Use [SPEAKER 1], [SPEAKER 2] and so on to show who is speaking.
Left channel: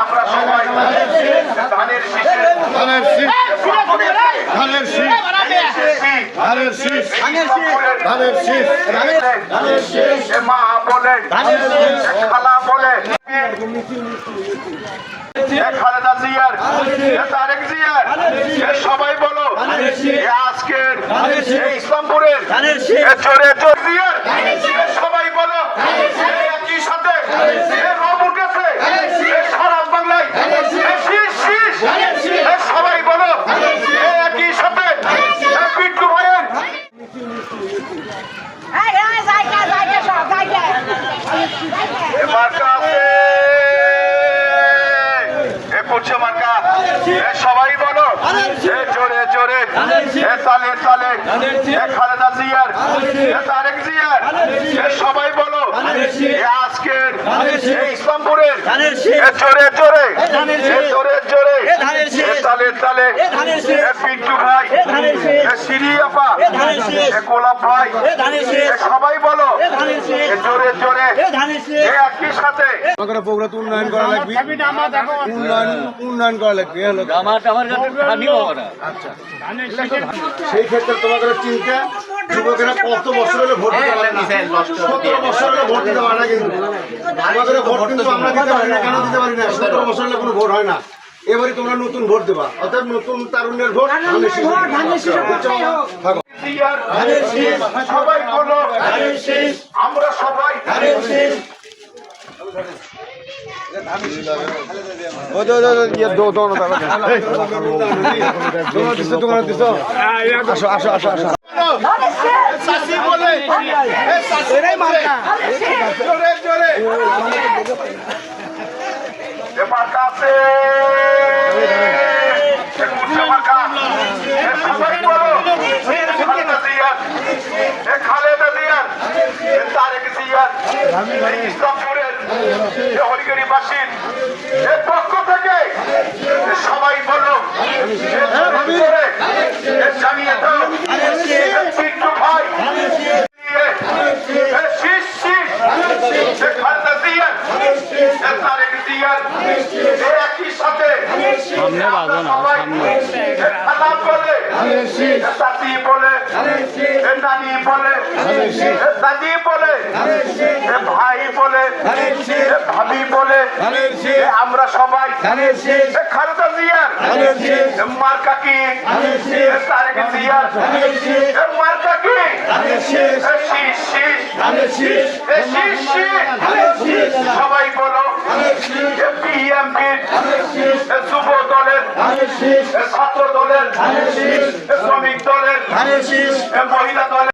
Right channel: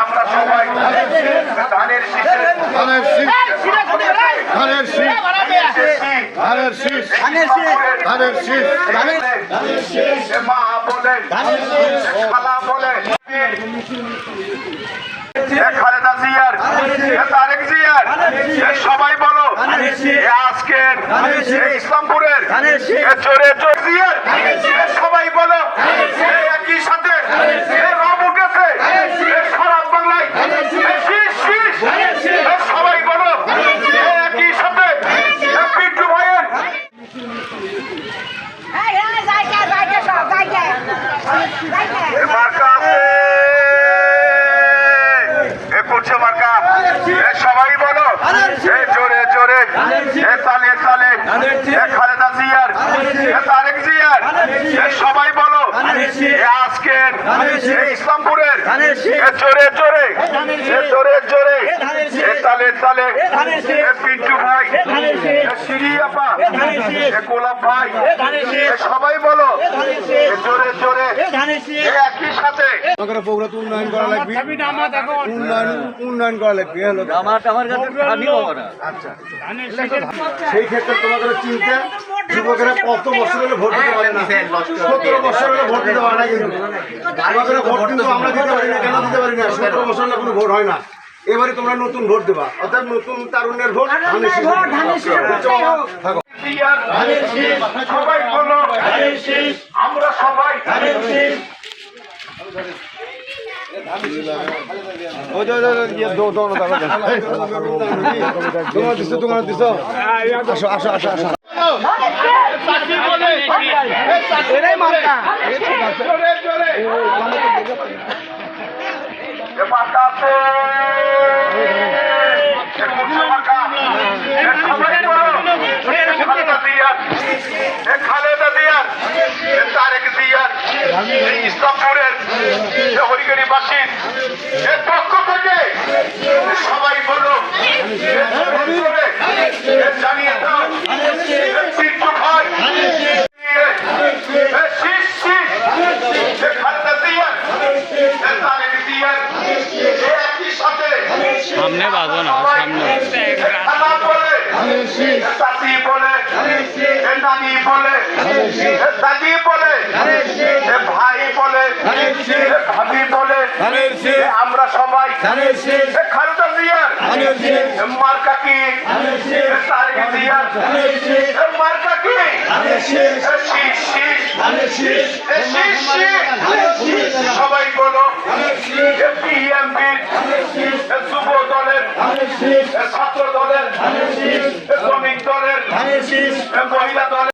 [SPEAKER 1] আমরা সবাই ধানের শীষে
[SPEAKER 2] ধানের শীষ ধানের শীষ ধানের শীষ ধানের শীষ ধানের শীষ
[SPEAKER 1] মা বলে খালা বলে খালেদা জিয়ার তারেক জিয়ার সবাই বলো আজকের ইসলামপুরের সবাই বলো একই সাথে এ করছে মার্কা সবাই বলো। জোরে জোরে। তালে এ খালেদা জিয়ার তারেক জিয়ার। সবাই বলো। এ ইসলামপুরের জোরে। জোরে জোরে। জোরে তালে তালে। পিন্টু ভাই। এ সিরি আপা। গোলাপ ভাই। সবাই বলো। এ জোরে জোরে। একই সাথে।
[SPEAKER 2] প্রোগ্রাম উন্নয়ন করা লাগবে। উন্নয়ন উন্নয়ন করা লাগবে কথা। আচ্ছা। সেই ক্ষেত্রে তোমাদের চিন্তা যুবকেরা কত বছর হলে ভোট দিতে পারে না সতেরো বছর হলে ভোট দিতে পারে না কিন্তু আমাদের ভোট কিন্তু আমরা দিতে পারি না কেন দিতে পারি না সতেরো বছর হলে কোনো ভোট হয় না এবারে তোমরা নতুন ভোট দেবা অর্থাৎ নতুন তারুণ্যের ভোট থাকো
[SPEAKER 1] সবাই বলো আমরা সবাই
[SPEAKER 2] তোমার দিছো তোমার দিছো আসো আসো আসো আসো
[SPEAKER 1] চাষি বলে জোরে জোরে এ হরিগরিবাসী এ পক্ষ থেকে সবাই বলো এ জোরে জোরে এ জানিয়ে দাও এ চিত্র ভাই এ শীষ শীষ এ খালেদা জিয়ার এ তারেক জিয়ার এ একই সাথে
[SPEAKER 3] সামনে বাজো না সামনে।
[SPEAKER 1] বলে বলে নানি বলে দাদি বলে ভাই বলে ভাবি বলে আমরা সবাই। খালেদা জিয়ার মার্কা কি? তারেক জিয়ার মার্কা কি? শীষ শীষ। শীষ শীষ সবাই বলো বিএমপি যুব দলের ছাত্র দলের শ্রমিক দলের মহিলা দলের।